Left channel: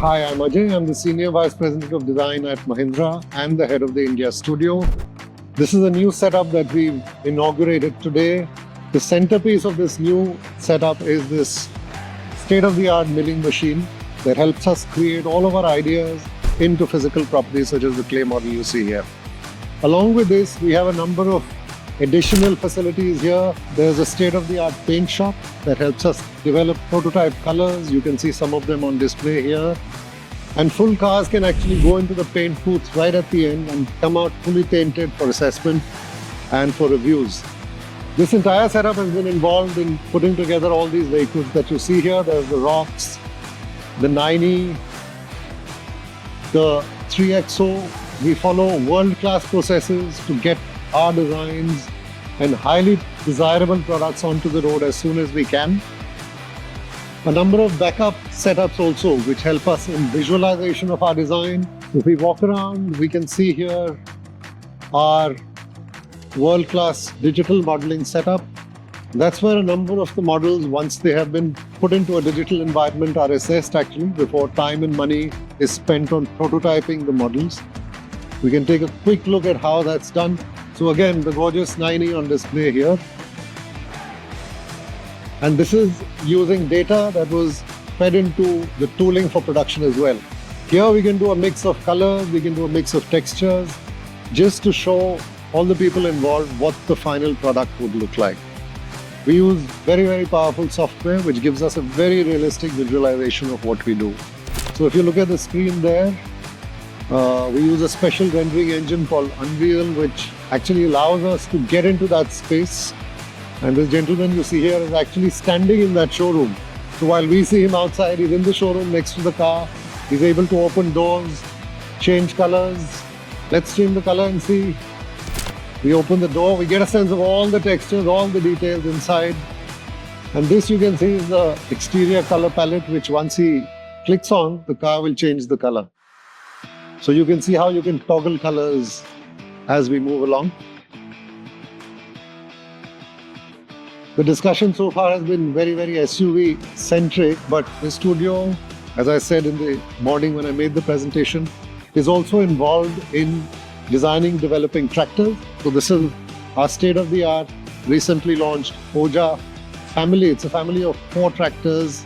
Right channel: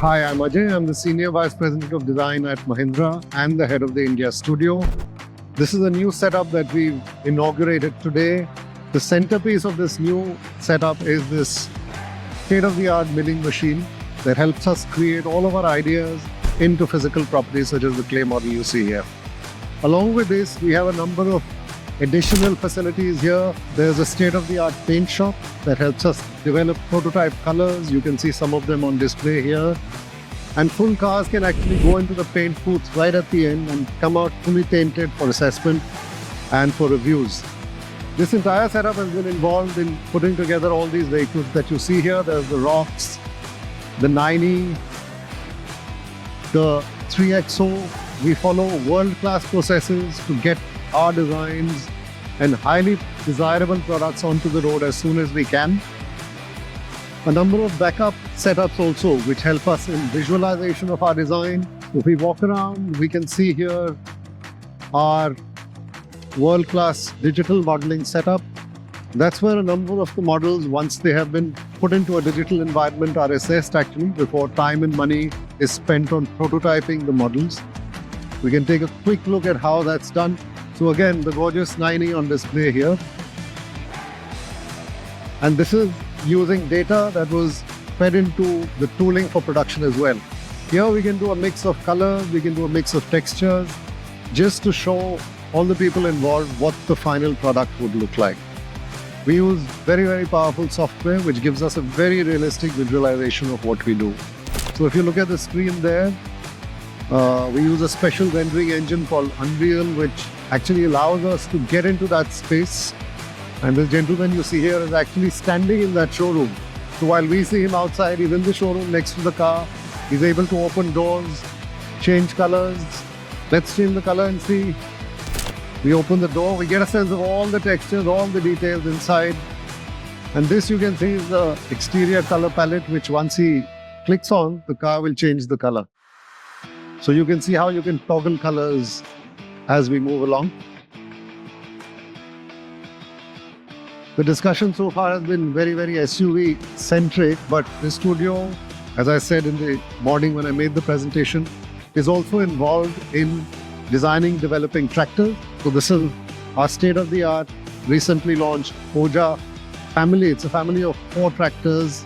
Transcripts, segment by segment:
Hi, I'm Ajay. I'm the Senior Vice President of Design at Mahindra and the head of the India studio. This is a new setup that we've inaugurated today. The centerpiece of this new setup is this state-of-the-art milling machine that helps us create all of our ideas into physical properties such as the clay model you see here. Along with this, we have a number of additional facilities here. There's a state-of-the-art paint shop that helps us develop prototype colors. You can see some of them on display here. And full cars can actually go into the paint booths right at the end and come out fully painted for assessment and for reviews. This entire setup has been involved in putting together all these vehicles that you see here. There's the Rocks, the 9E, the 3XO. We follow world-class processes to get our designs and highly desirable products onto the road as soon as we can. A number of backup setups also which help us in visualization of our design. If we walk around, we can see here our world-class digital modeling setup. That's where a number of the models, once they have been put into a digital environment, are assessed actually before time and money is spent on prototyping the models. We can take a quick look at how that's done. So again, the gorgeous 9E on display here. And this is using data that was fed into the tooling for production as well. Here we can do a mix of colors, we can do a mix of textures, just to show all the people involved what the final product would look like. We use very, very powerful software which gives us a very realistic visualization of what we do. So if you look at the screen there, we use a special rendering engine called Unreal, which actually allows us to get into that space. And this gentleman you see here is actually standing in that showroom. So while we see him outside, he's in the showroom next to the car. He's able to open doors, change colors. Let's change the color and see. We open the door, we get a sense of all the textures, all the details inside. And this you can see is the exterior color palette, which once he clicks on, the car will change the color. So you can see how you can toggle colors as we move along. The discussion so far has been very, very SUV centric, but the studio, as I said in the morning when I made the presentation, is also involved in designing, developing tractors. So this is our state-of-the-art, recently launched Oja family. It's a family of 4 tractors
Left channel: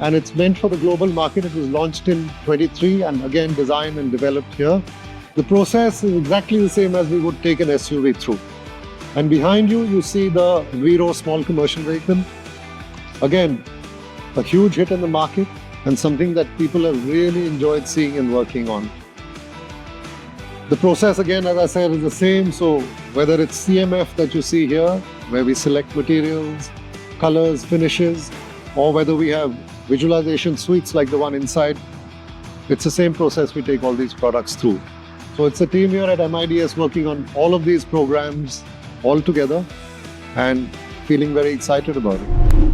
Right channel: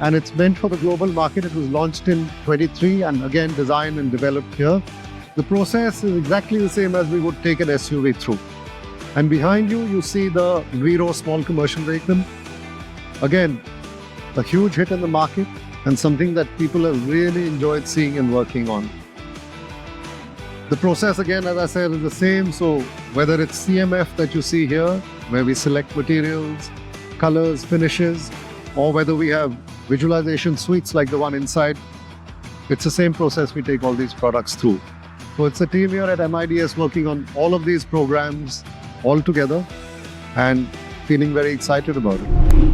and it's meant for the global market. It was launched in 23 and again designed and developed here. The process is exactly the same as we would take an SUV through. And behind you, you see the Vero small commercial vehicle. Again, a huge hit in the market and something that people have really enjoyed seeing and working on. The process, again, as I said, is the same. So whether it's CMF that you see here, where we select materials, colors, finishes, or whether we have visualization suites like the one inside, it's the same process we take all these products through. So it's a team here at MIDS working on all of these programs all together and feeling very excited about it.